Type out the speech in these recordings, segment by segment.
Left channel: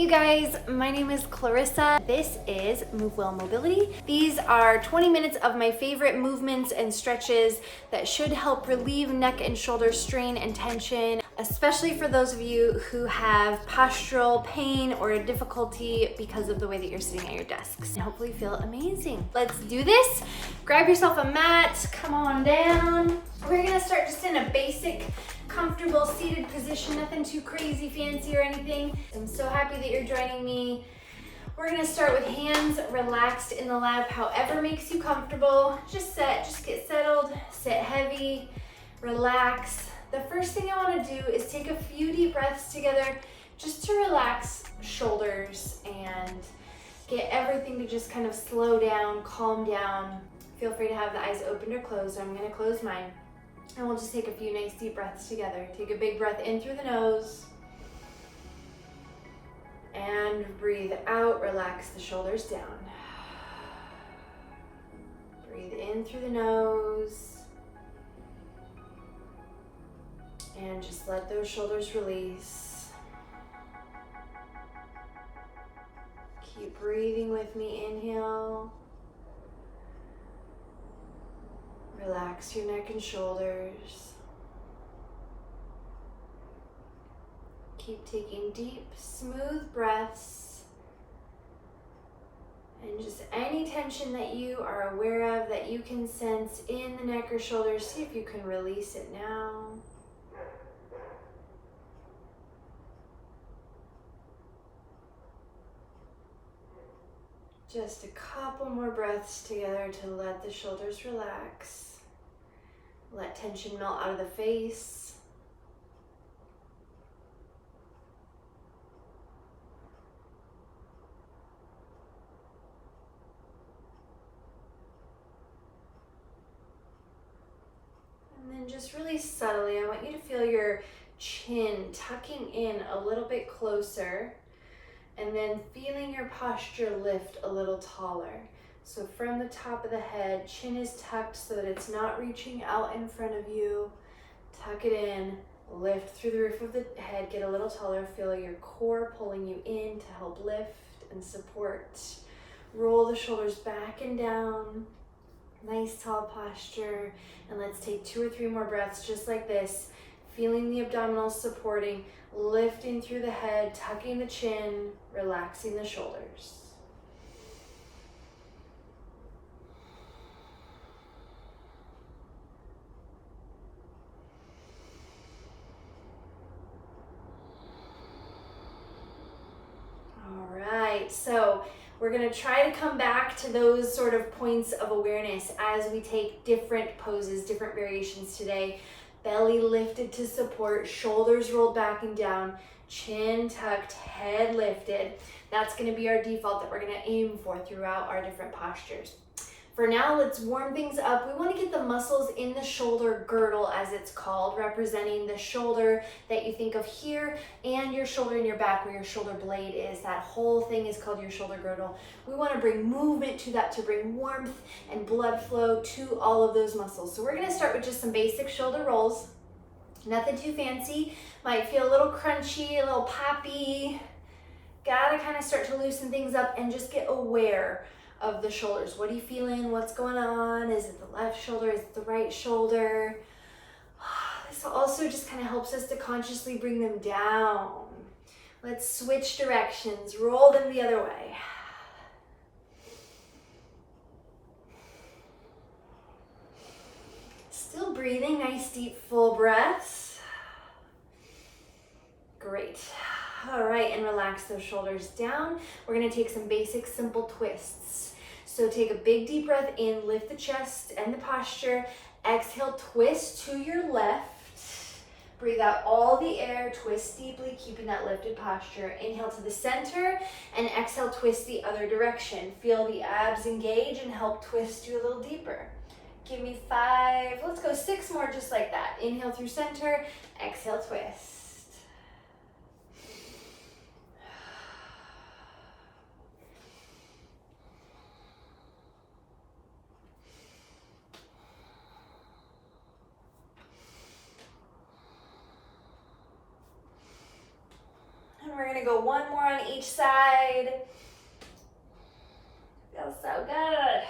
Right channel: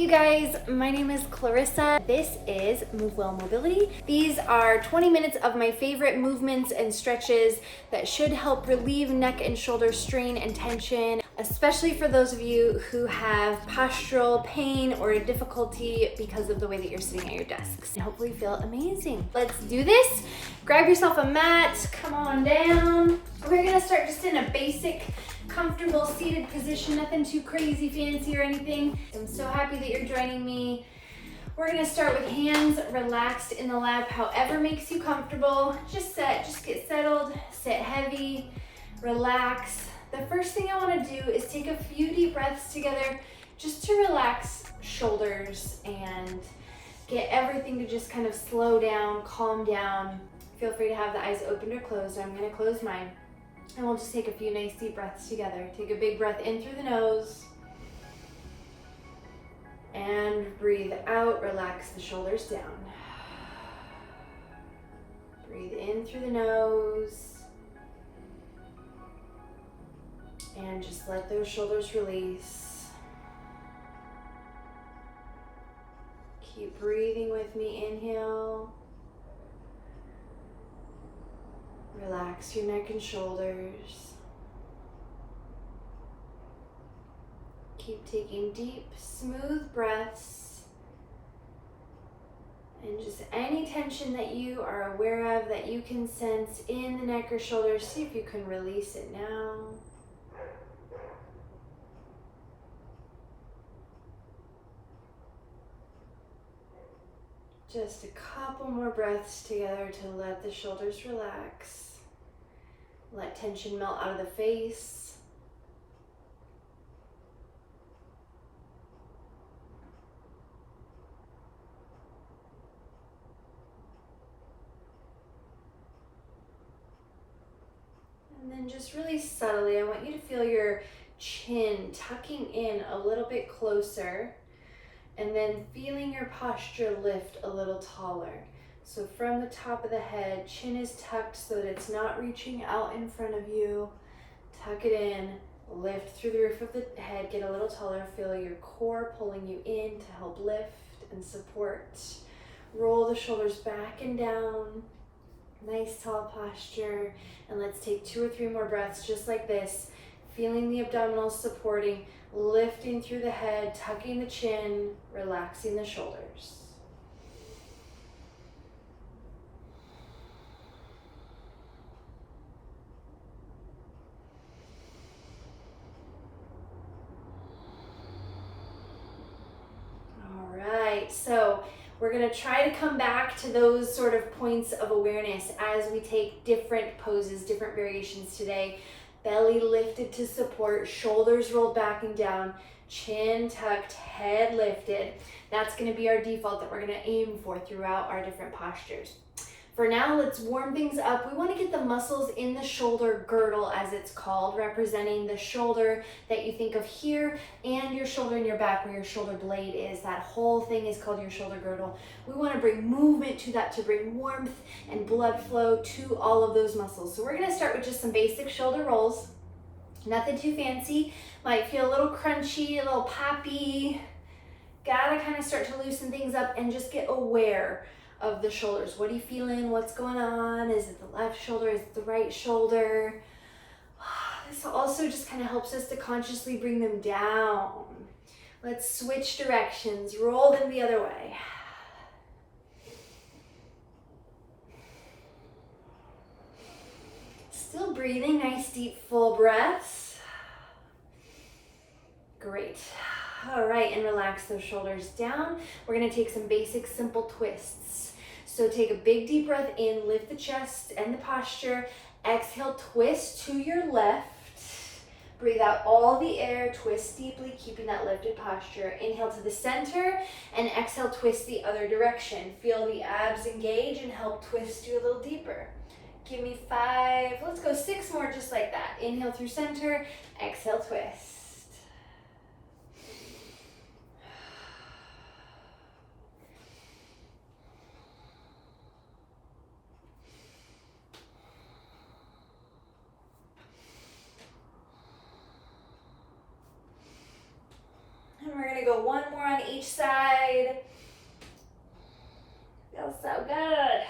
you guys, my name is Clarissa. This is Move Well Mobility. These are 20 minutes of my favorite movements and stretches that should help relieve neck and shoulder strain and tension, especially for those of you who have postural pain or difficulty because of the way that you're sitting at your desks. And hopefully you feel amazing. Let's do this. Grab yourself a mat, come on down. We're gonna start just in a basic comfortable seated position, nothing too crazy fancy or anything. I'm so happy that you're joining me. We're gonna start with hands relaxed in the lap, however makes you comfortable. Just get settled, sit heavy, relax. The first thing I wanna do is take a few deep breaths together just to relax shoulders and get everything to just kind of slow down, calm down. Feel free to have the eyes open or closed. I'm gonna close mine. And we'll just take a few nice deep breaths together. Take a big breath in through the nose. And breathe out, relax the shoulders down. Breathe in through the nose. And just let those shoulders release. Keep breathing with me, inhale. Relax your neck and shoulders. Keep taking deep, smooth breaths. And just any tension that you are aware of that you can sense in the neck or shoulders, see if you can release it now. Just a couple more breaths together to let the shoulders relax. Let tension melt out of the face. And then just really subtly, I want you to feel your chin tucking in a little bit closer, and then feeling your posture lift a little taller. So from the top of the head, chin is tucked so that it's not reaching out in front of you. Tuck it in, lift through the roof of the head, get a little taller. Feel your core pulling you in to help lift and support. Roll the shoulders back and down. Nice tall posture. And let's take 2 or 3 more breaths just like this. Feeling the abdominals supporting, lifting through the head, tucking the chin, relaxing the shoulders. So we're gonna try to come back to those sort of points of awareness as we take different poses, different variations today. Belly lifted to support, shoulders rolled back and down, chin tucked, head lifted. That's gonna be our default that we're gonna aim for throughout our different postures. For now, let's warm things up. We want to get the muscles in the shoulder girdle, as it's called, representing the shoulder that you think of here and your shoulder in your back where your shoulder blade is. That whole thing is called your shoulder girdle. We want to bring movement to that to bring warmth and blood flow to all of those muscles. So we're going to start with just some basic shoulder rolls. Nothing too fancy. Might feel a little crunchy, a little poppy. Gotta kind of start to loosen things up and just get aware of the shoulders. What are you feeling? What's going on? Is it the left shoulder? Is it the right shoulder? This also just kind of helps us to consciously bring them down. Let's switch directions. Roll them the other way. Still breathing, nice deep full breaths. Great. All right, and relax those shoulders down. We're gonna take some basic simple twists. So take a big deep breath in, lift the chest and the posture. Exhale, twist to your left. Breathe out all the air, twist deeply, keeping that lifted posture. Inhale to the center and exhale, twist the other direction. Feel the abs engage and help twist you a little deeper. Give me 5, let's go 6 more just like that. Inhale through center, exhale, twist. We're gonna go one more on each side. Feels so good.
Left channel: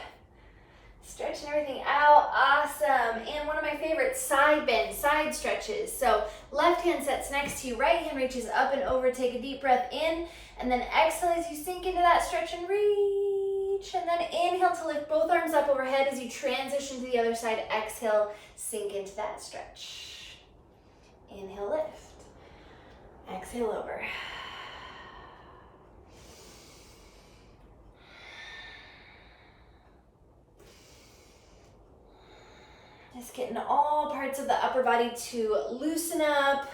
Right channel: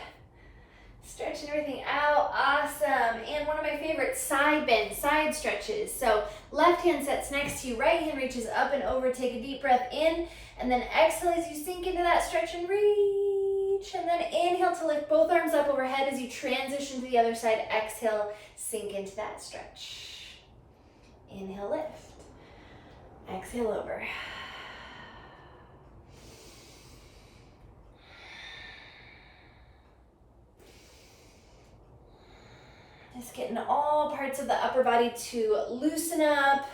Stretching everything out, awesome. And one of my favorites, side bends, side stretches. So left hand sets next to you, right hand reaches up and over, take a deep breath in, and then exhale as you sink into that stretch and reach. And then inhale to lift both arms up overhead as you transition to the other side. Exhale, sink into that stretch. Inhale, lift. Exhale over. Just getting all parts of the upper body to loosen up,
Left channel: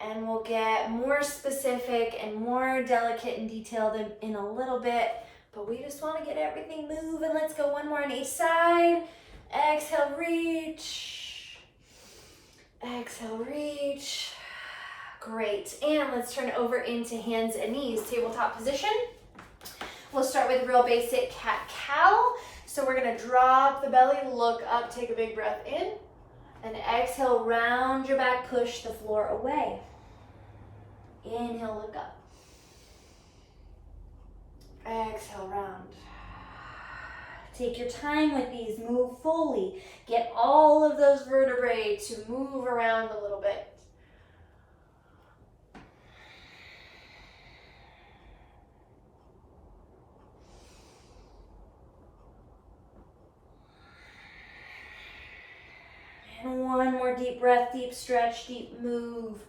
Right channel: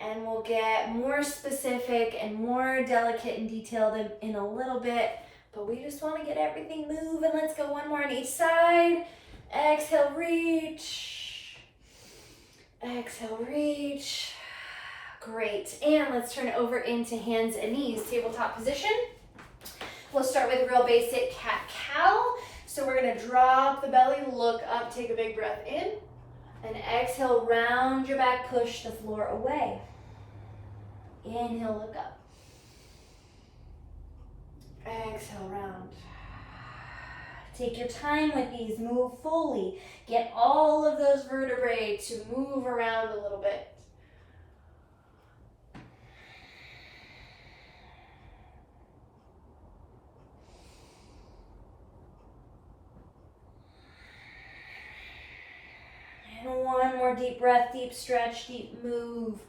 and we'll get more specific and more delicate and detailed in a little bit, but we just want to get everything moving. Let's go one more on each side. Exhale, reach. Exhale, reach. Great, and let's turn over into hands and knees, tabletop position. We'll start with real basic cat-cow. So we're gonna drop the belly, look up, take a big breath in, and exhale, round your back, push the floor away. Inhale, look up. Exhale, round. Take your time with these, move fully. Get all of those vertebrae to move around a little bit. And one more deep breath, deep stretch, deep move.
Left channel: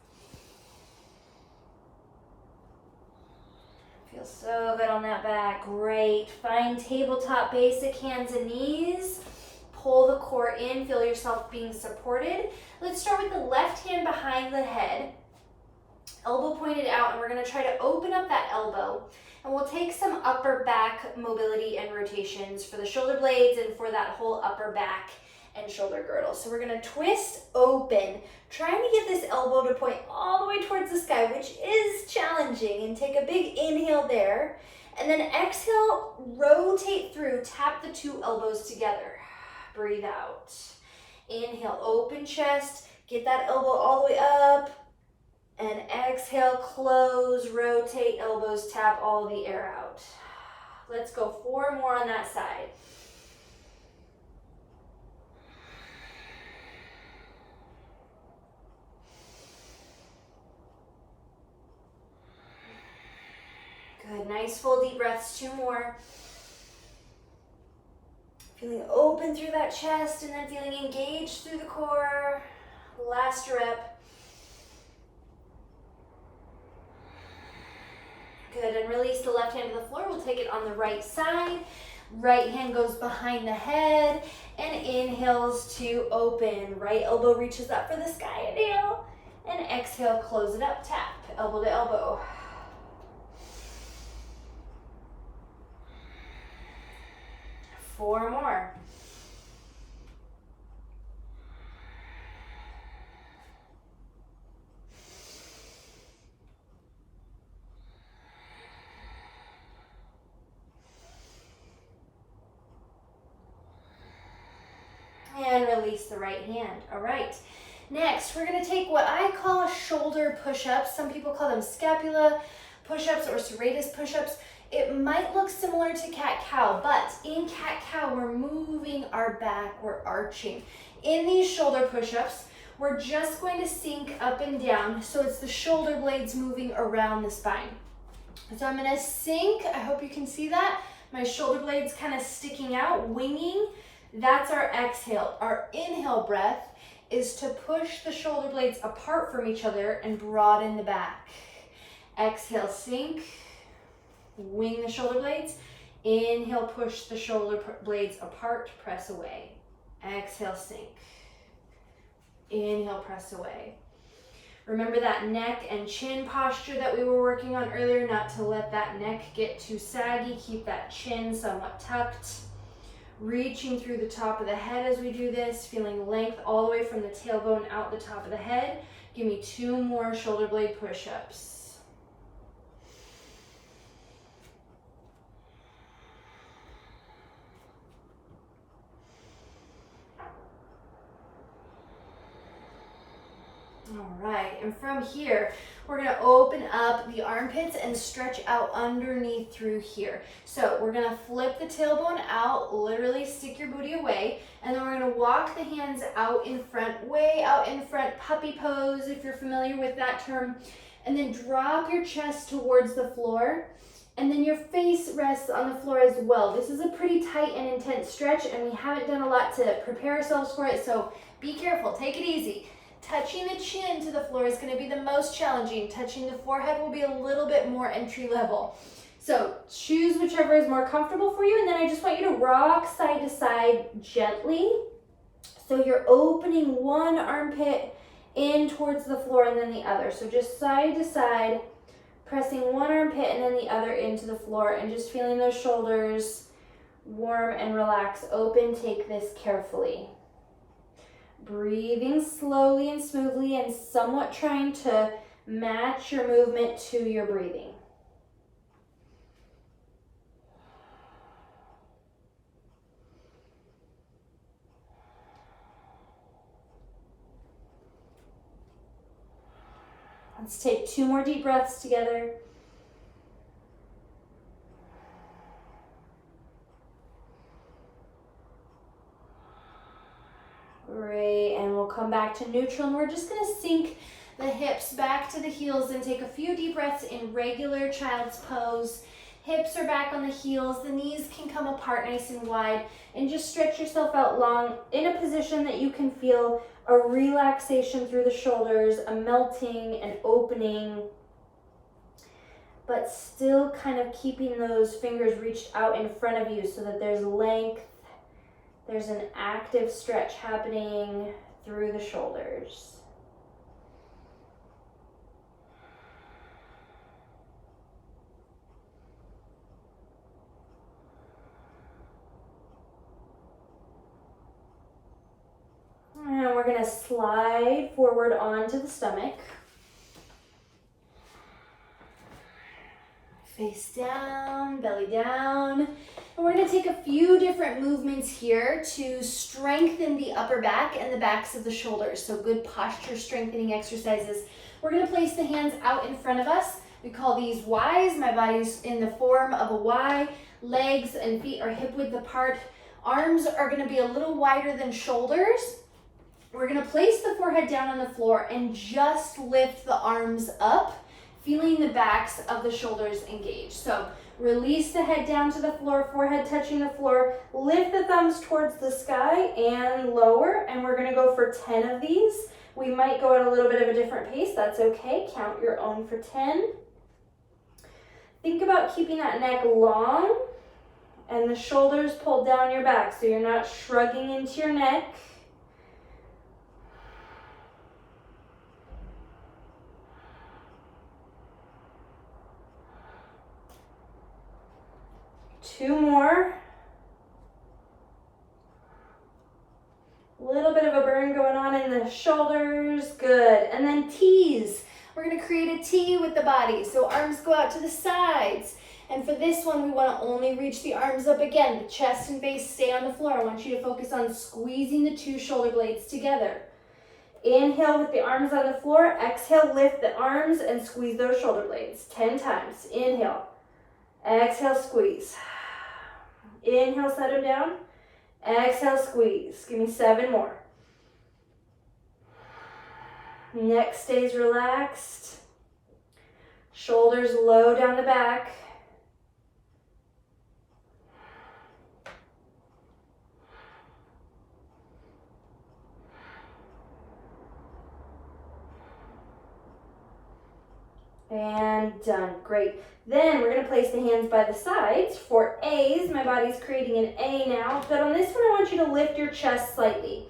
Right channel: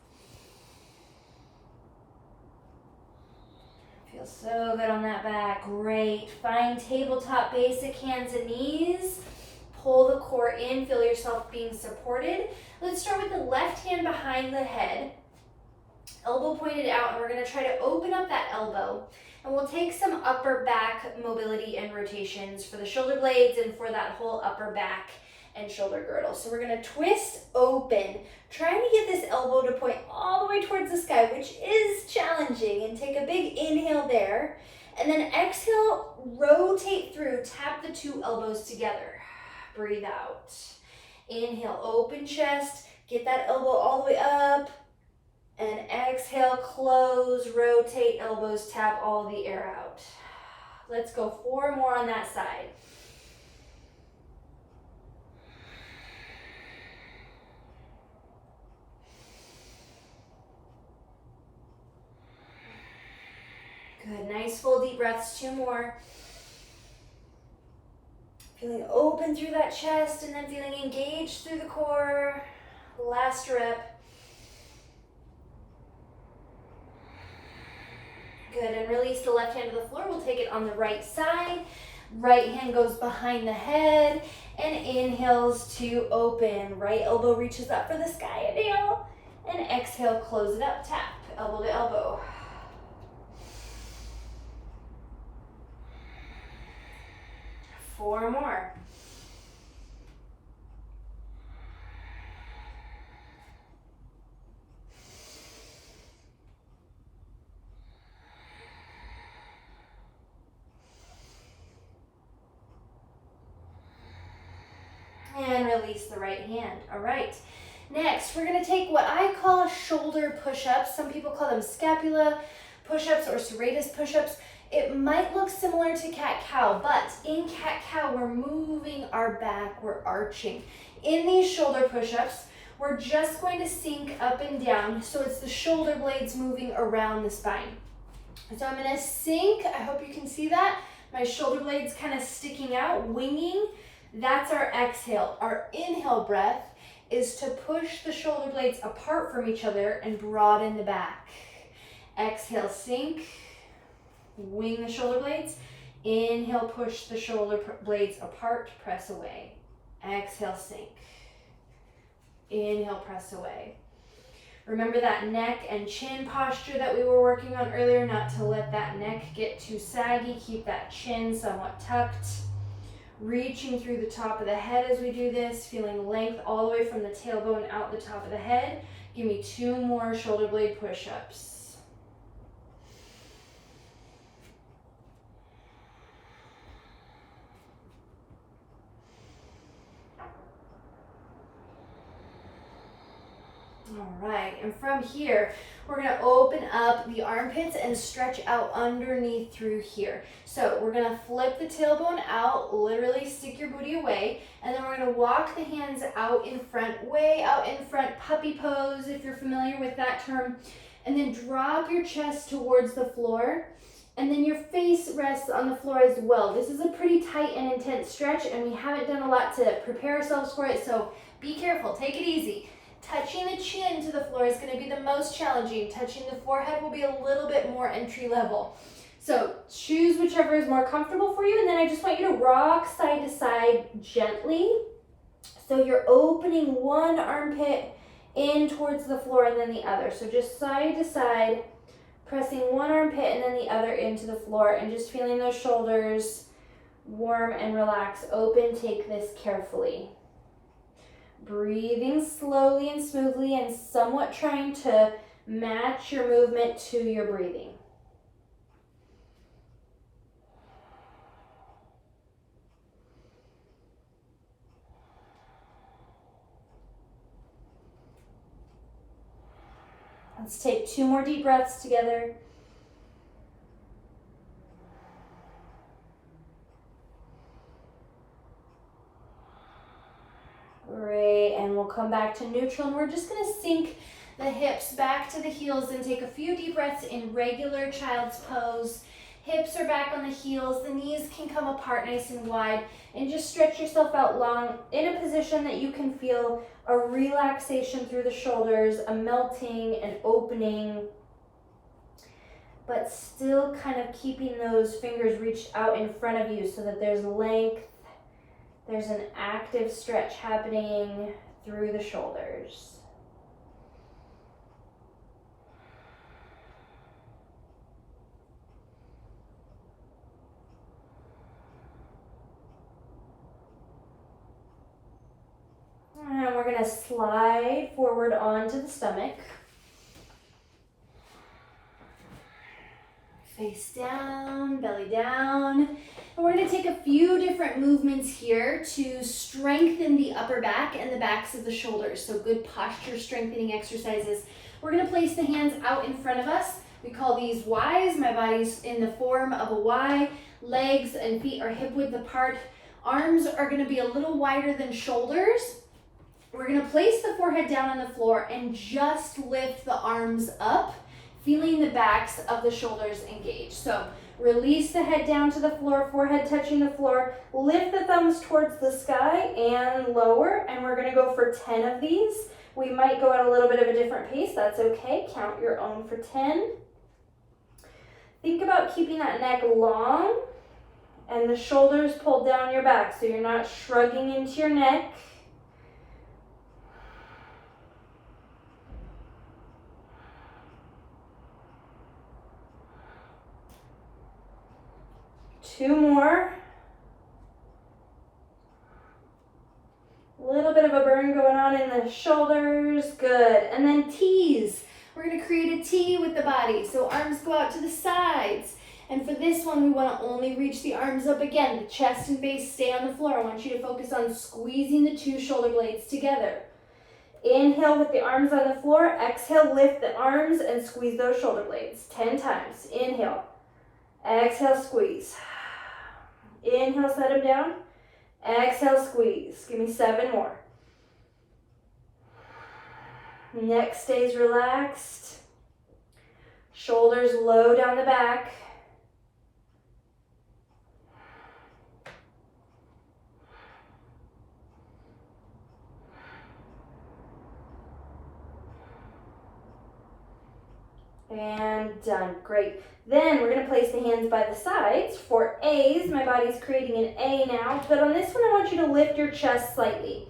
Feels so good on that back. Great. Find tabletop basic hands and knees. Pull the core in, feel yourself being supported. Let's start with the left hand behind the head. Elbow pointed out, and we're going to try to open up that elbow. And we'll take some upper back mobility and rotations for the shoulder blades and for that whole upper back and shoulder girdle. So we're gonna twist open, trying to get this elbow to point all the way towards the sky, which is challenging, and take a big inhale there. And then exhale, rotate through, tap the two elbows together. Breathe out. Inhale, open chest, get that elbow all the way up. And exhale, close, rotate, elbows, tap all the air out. Let's go 4 more on that side. Good, nice full deep breaths, 2 more. Feeling open through that chest and then feeling engaged through the core. Last rip. Good, and release the left hand to the floor. We'll take it on the right side. Right hand goes behind the head and inhales to open. Right elbow reaches up for the sky, inhale. And exhale, close it up, tap, elbow to elbow. Four more. And release the right hand. All right. Next, we're going to take what I call shoulder push-ups. Some people call them scapula push-ups or serratus push-ups. It might look similar to cat-cow, but in cat-cow, we're moving our back, we're arching. In these shoulder push-ups, we're just going to sink up and down, so it's the shoulder blades moving around the spine. So I'm gonna sink, I hope you can see that. My shoulder blades kind of sticking out, winging. That's our exhale. Our inhale breath is to push the shoulder blades apart from each other and broaden the back. Exhale, sink. Wing the shoulder blades. Inhale, push the shoulder blades apart, press away. Exhale, sink. Inhale, press away. Remember that neck and chin posture that we were working on earlier, not to let that neck get too saggy. Keep that chin somewhat tucked. Reaching through the top of the head as we do this, feeling length all the way from the tailbone out the top of the head. Give me 2 more shoulder blade push-ups. All right, and from here, we're gonna open up the armpits and stretch out underneath through here. So we're gonna flip the tailbone out, literally stick your booty away, and then we're gonna walk the hands out in front, way out in front, puppy pose, if you're familiar with that term, and then drop your chest towards the floor, and then your face rests on the floor as well. This is a pretty tight and intense stretch, and we haven't done a lot to prepare ourselves for it, so be careful, take it easy. Touching the chin to the floor is going to be the most challenging. Touching the forehead will be a little bit more entry level. So choose whichever is more comfortable for you, and then I just want you to rock side to side gently. So you're opening one armpit in towards the floor and then the other. So just side to side, pressing one armpit and then the other into the floor, and just feeling those shoulders warm and relax. Open, take this carefully. Breathing slowly and smoothly and somewhat trying to match your movement to your breathing. Let's take 2 more deep breaths together. Great, and we'll come back to neutral, and we're just going to sink the hips back to the heels and take a few deep breaths in regular child's pose. Hips are back on the heels, the knees can come apart nice and wide, and just stretch yourself out long in a position that you can feel a relaxation through the shoulders, a melting and opening, but still kind of keeping those fingers reached out in front of you so that there's length. There's an active stretch happening through the shoulders. And we're going to slide forward onto the stomach. Face down, belly down. And we're going to take a few different movements here to strengthen the upper back and the backs of the shoulders. So good posture strengthening exercises. We're going to place the hands out in front of us. We call these Ys. My body's in the form of a Y. Legs and feet are hip width apart. Arms are going to be a little wider than shoulders. We're going to place the forehead down on the floor and just lift the arms up, feeling the backs of the shoulders engage. So release the head down to the floor, forehead touching the floor. Lift the thumbs towards the sky and lower, and we're going to go for 10 of these. We might go at a little bit of a different pace. That's okay. Count your own for 10. Think about keeping that neck long and the shoulders pulled down your back so you're not shrugging into your neck. Two more. A little bit of a burn going on in the shoulders. Good. And then T's. We're going to create a T with the body. So arms go out to the sides. And for this one, we want to only reach the arms up again. The chest and base stay on the floor. I want you to focus on squeezing the 2 shoulder blades together. Inhale with the arms on the floor. Exhale, lift the arms and squeeze those shoulder blades 10 times. Inhale. Exhale, squeeze. Inhale, set them down. Exhale, squeeze. Give me 7 more. Neck stays relaxed. Shoulders low down the back. And done. Great. Then we're going to place the hands by the sides for A's. My body's creating an A now. But on this one, I want you to lift your chest slightly.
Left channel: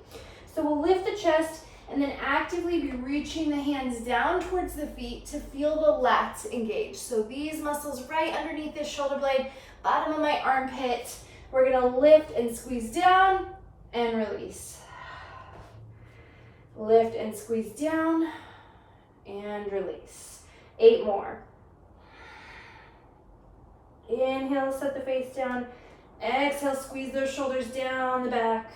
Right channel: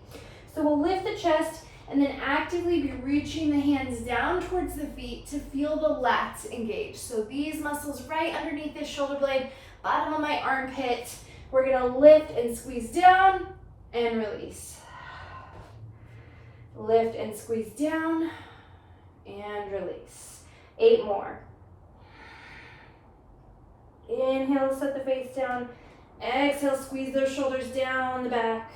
So we'll lift the chest and then actively be reaching the hands down towards the feet to feel the lats engage. So these muscles right underneath this shoulder blade, bottom of my armpit. We're going to lift and squeeze down and release. Lift and squeeze down and release. 8 more. Inhale, set the face down. Exhale, squeeze those shoulders down the back.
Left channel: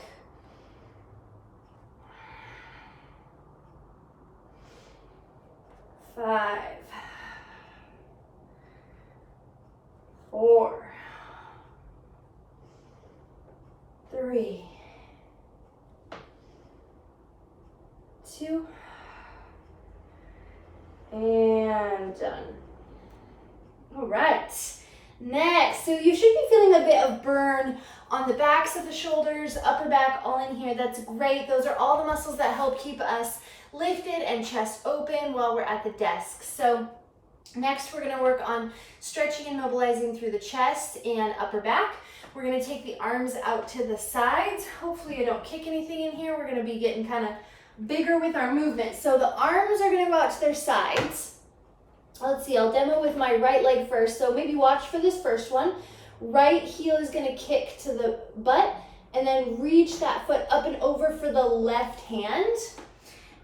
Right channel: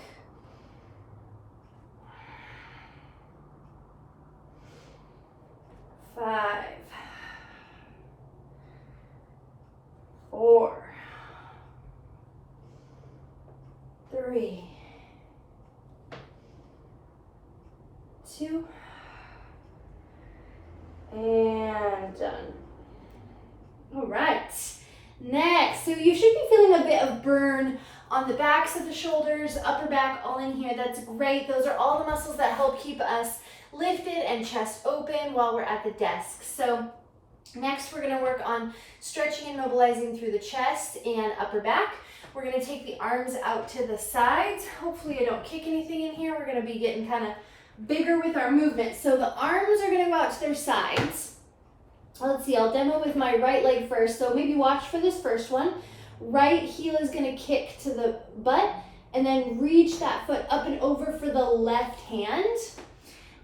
5, 4, 3, 2, and done. All right, next, so you should be feeling a bit of burn on the backs of the shoulders, upper back, all in here. That's great. Those are all the muscles that help keep us lifted and chest open while we're at the desk. So next we're gonna work on stretching and mobilizing through the chest and upper back. We're gonna take the arms out to the sides. Hopefully I don't kick anything in here. We're gonna be getting kind of bigger with our movement. So the arms are gonna go out to their sides. Let's see, I'll demo with my right leg first. So maybe watch for this first one. Right heel is gonna kick to the butt and then reach that foot up and over for the left hand.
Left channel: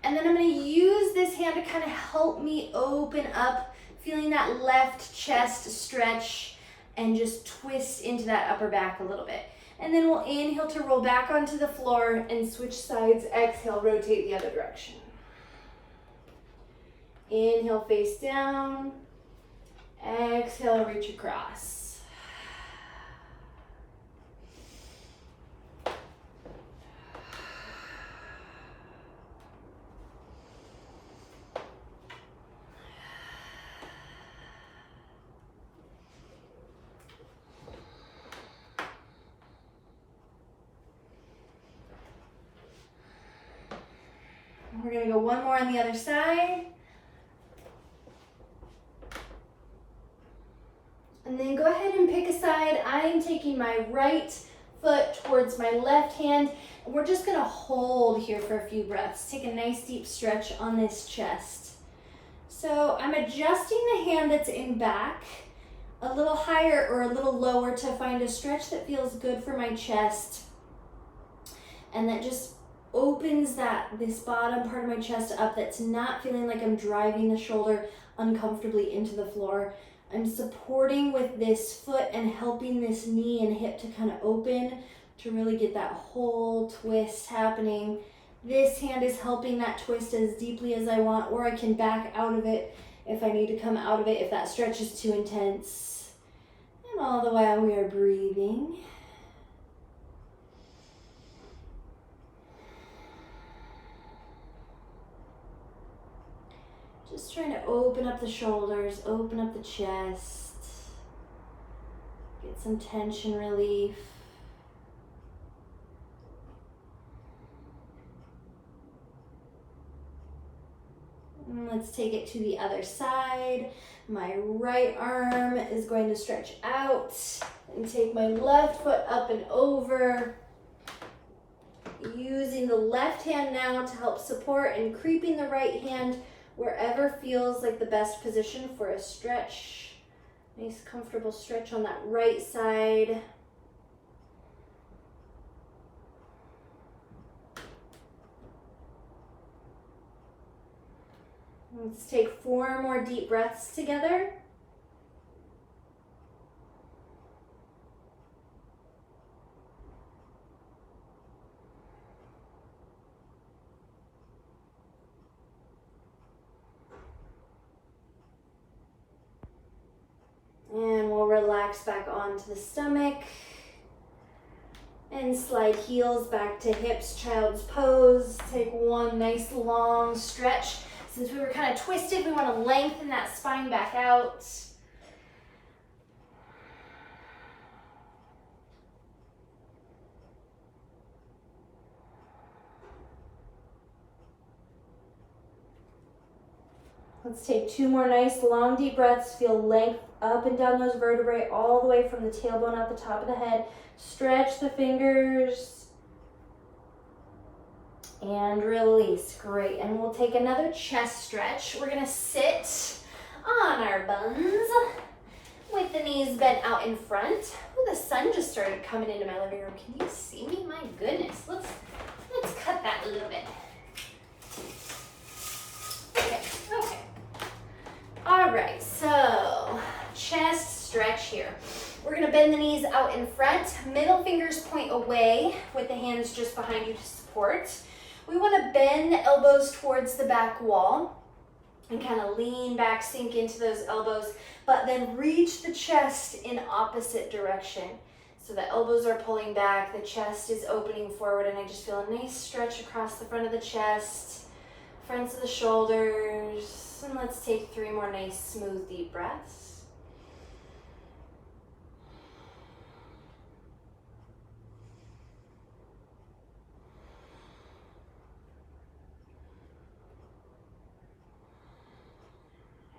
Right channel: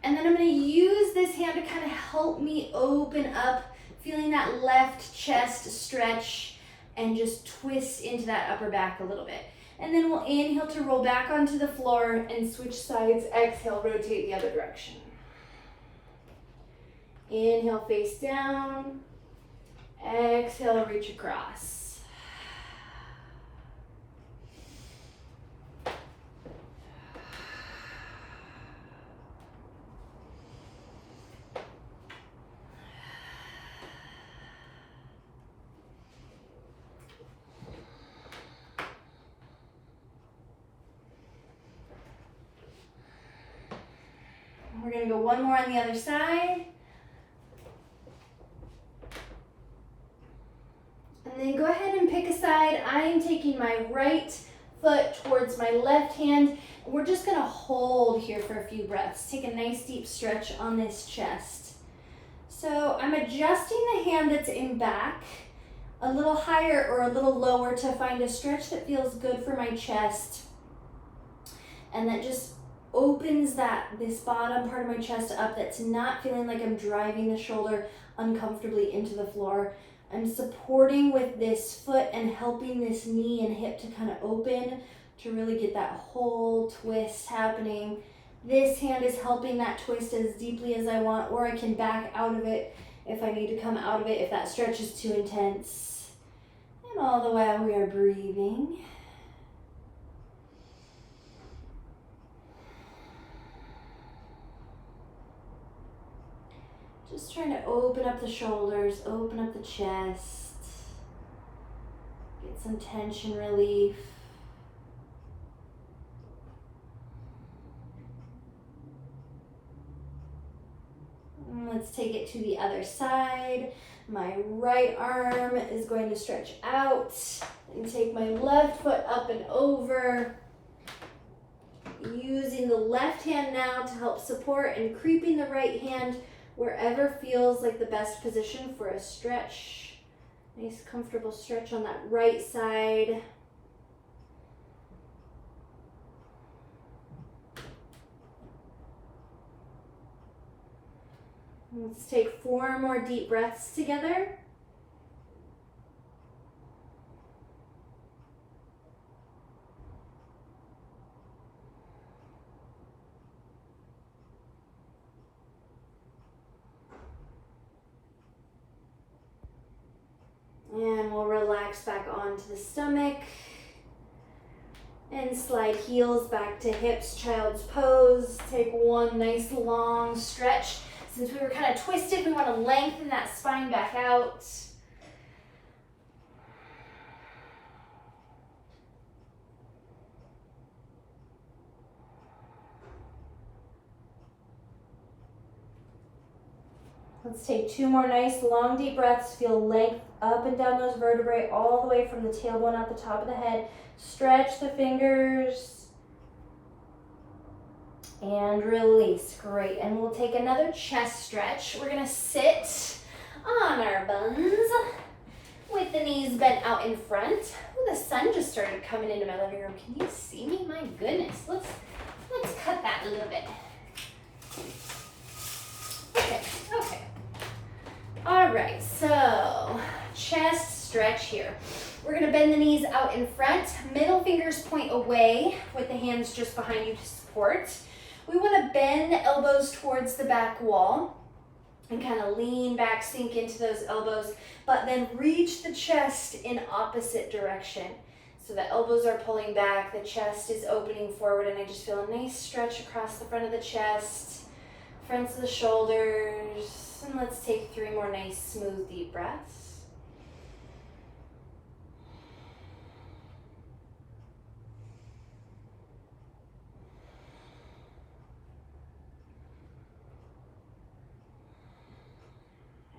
And then I'm gonna use this hand to kind of help me open up, feeling that left chest stretch and just twist into that upper back a little bit. And then we'll inhale to roll back onto the floor and switch sides. Exhale, rotate the other direction. Inhale, face down. Exhale, reach across. We're gonna go one more on the other side. And then go ahead and pick a side. I am taking my right foot towards my left hand. And we're just gonna hold here for a few breaths. Take a nice deep stretch on this chest. So I'm adjusting the hand that's in back a little higher or a little lower to find a stretch that feels good for my chest. And that just opens this bottom part of my chest up that's not feeling like I'm driving the shoulder uncomfortably into the floor. I'm supporting with this foot and helping this knee and hip to kind of open to really get that whole twist happening. This hand is helping that twist as deeply as I want, or I can back out of it if I need to come out of it if that stretch is too intense. And all the while we are breathing. Just trying to open up the shoulders, open up the chest, get some tension relief. And let's take it to the other side. My right arm is going to stretch out and take my left foot up and over. Using the left hand now to help support and creeping the right hand wherever feels like the best position for a stretch. Nice comfortable stretch on that right side. Let's take 4 more deep breaths together. And we'll relax back onto the stomach and slide heels back to hips, child's pose. Take one nice long stretch. Since we were kind of twisted, we want to lengthen that spine back out. Let's take 2 more nice long deep breaths. Feel length up and down those vertebrae all the way from the tailbone out the top of the head. Stretch the fingers and release. Great. And we'll take another chest stretch. We're going to sit on our buns with the knees bent out in front. Oh, the sun just started coming into my living room. Can you see me? My goodness. Let's cut that a little bit. Okay. All right, so chest stretch here. We're gonna bend the knees out in front, middle fingers point away with the hands just behind you to support. We wanna bend the elbows towards the back wall. and kind of lean back, sink into those elbows, but then reach the chest in opposite direction. So the elbows are pulling back, the chest is opening forward, and I just feel a nice stretch across the front of the chest, fronts of the shoulders. And let's take 3 more nice, smooth, deep breaths.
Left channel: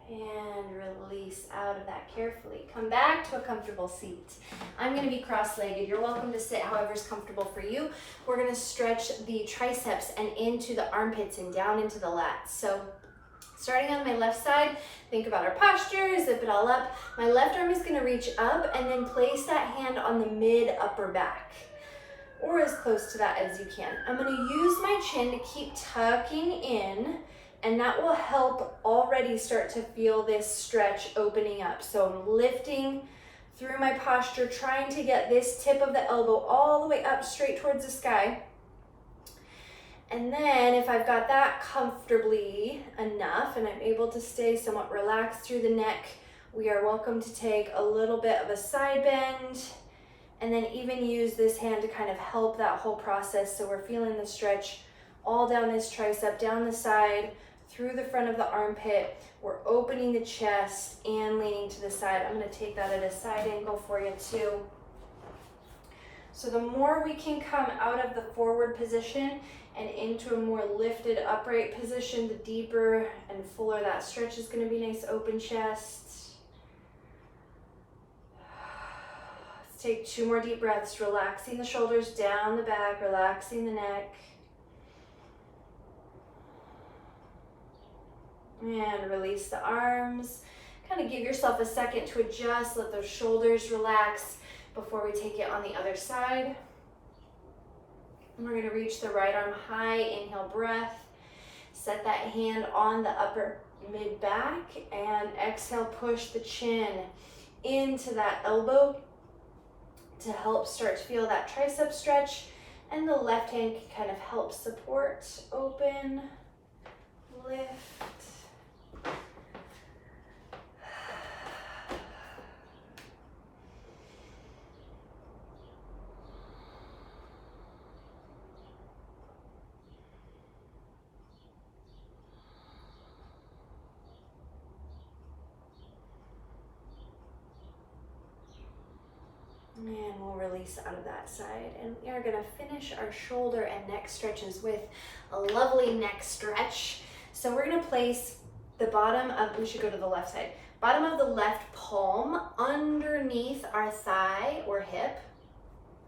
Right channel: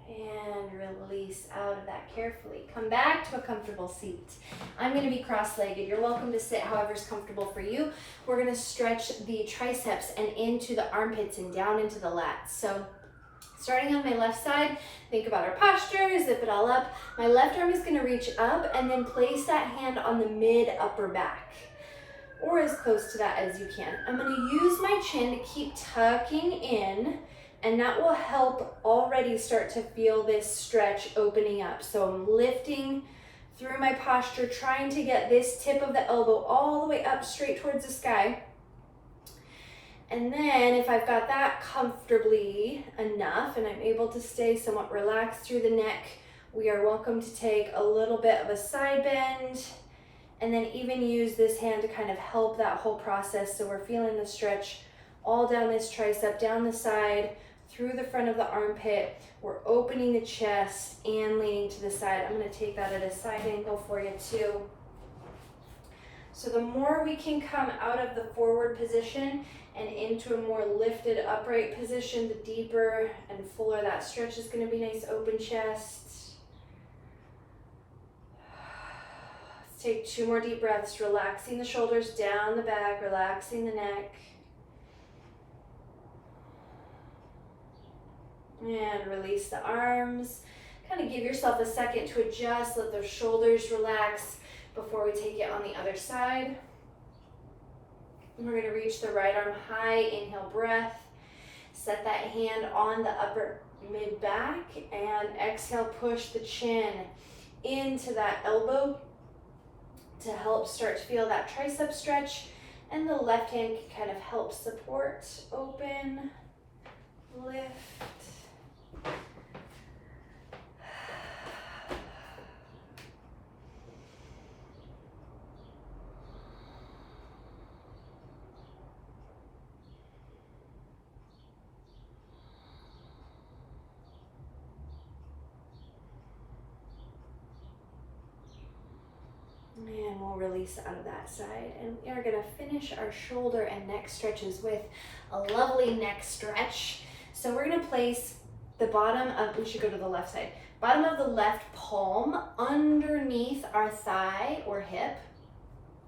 And release out of that carefully. Come back to a comfortable seat. I'm going to be cross-legged. You're welcome to sit however's comfortable for you. We're going to stretch the triceps and into the armpits and down into the lats. So starting on my left side, think about our posture, zip it all up. My left arm is going to reach up and then place that hand on the mid-upper back, or as close to that as you can. I'm going to use my chin to keep tucking in, and that will help already start to feel this stretch opening up. So I'm lifting through my posture, trying to get this tip of the elbow all the way up straight towards the sky. And then if I've got that comfortably enough and I'm able to stay somewhat relaxed through the neck, we are welcome to take a little bit of a side bend, and then even use this hand to kind of help that whole process. So we're feeling the stretch all down this tricep, down the side, through the front of the armpit. We're opening the chest and leaning to the side. I'm going to take that at a side angle for you too. So the more we can come out of the forward position and into a more lifted upright position, the deeper and fuller that stretch is going to be. Nice open chest. Let's take 2 more deep breaths, relaxing the shoulders down the back, relaxing the neck. And release the arms. Kind of give yourself a second to adjust, let those shoulders relax before we take it on the other side. And we're going to reach the right arm high, inhale breath. Set that hand on the upper mid back, and exhale, push the chin into that elbow to help start to feel that tricep stretch. And the left hand can kind of help support, open, lift. And we'll release out of that side. And we are going to finish our shoulder and neck stretches with a lovely neck stretch. So we're going to place the bottom of, we should go to the left side, bottom of the left palm underneath our thigh or hip.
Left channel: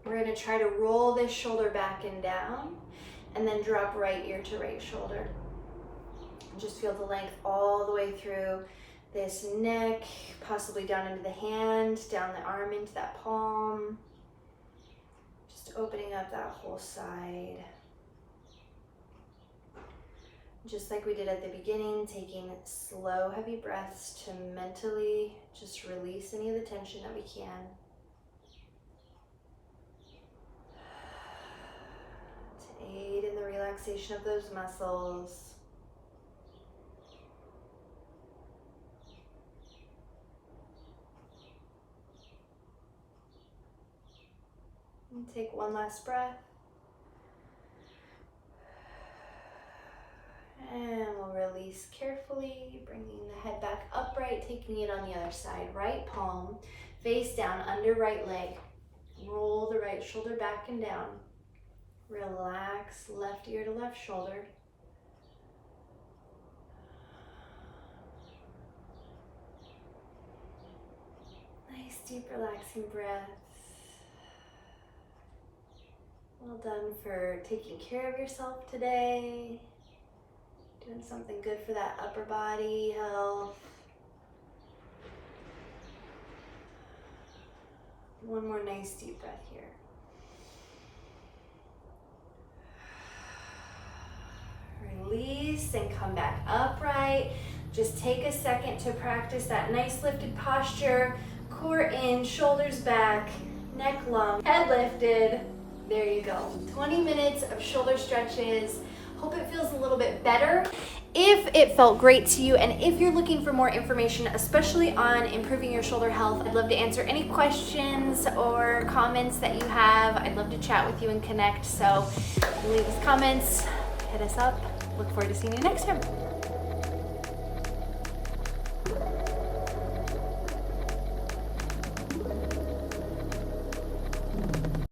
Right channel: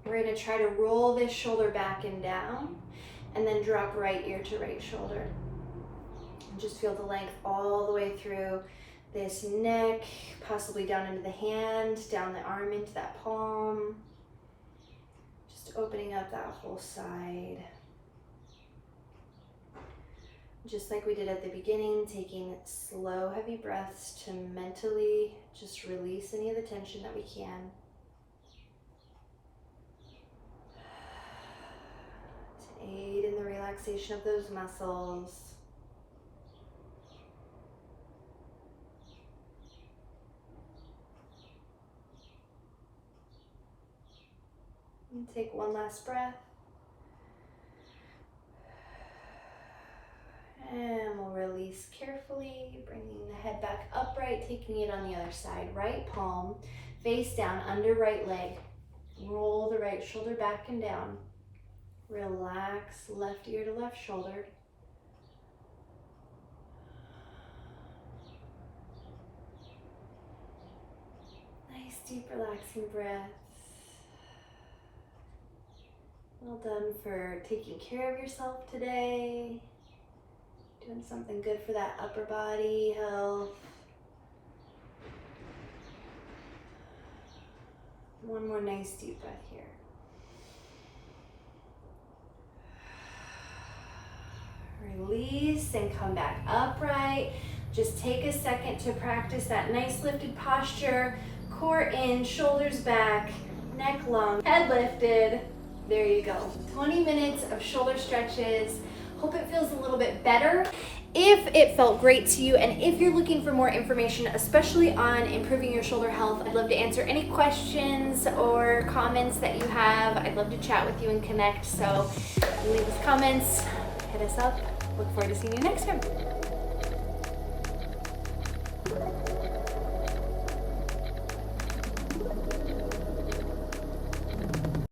We're going to try to roll this shoulder back and down, and then drop right ear to right shoulder. And just feel the length all the way through this neck, possibly down into the hand, down the arm into that palm. Just opening up that whole side. Just like we did at the beginning, taking slow, heavy breaths to mentally just release any of the tension that we can. To aid in the relaxation of those muscles. And take one last breath. And we'll release carefully, bringing the head back upright, taking it on the other side. Right palm face down under right leg. Roll the right shoulder back and down. Relax left ear to left shoulder. Nice deep relaxing breaths. Well done for taking care of yourself today. Doing something good for that upper body health. One more nice deep breath here. Release and come back upright. Just take a second to practice that nice lifted posture. Core in, shoulders back, neck long, head lifted. There you go. 20 minutes of shoulder stretches. Hope it feels a little bit better. If it felt great to you, and if you're looking for more information, especially on improving your shoulder health, I'd love to answer any questions or comments that you have. I'd love to chat with you and connect. So leave us comments, hit us up. Look forward to seeing you next time.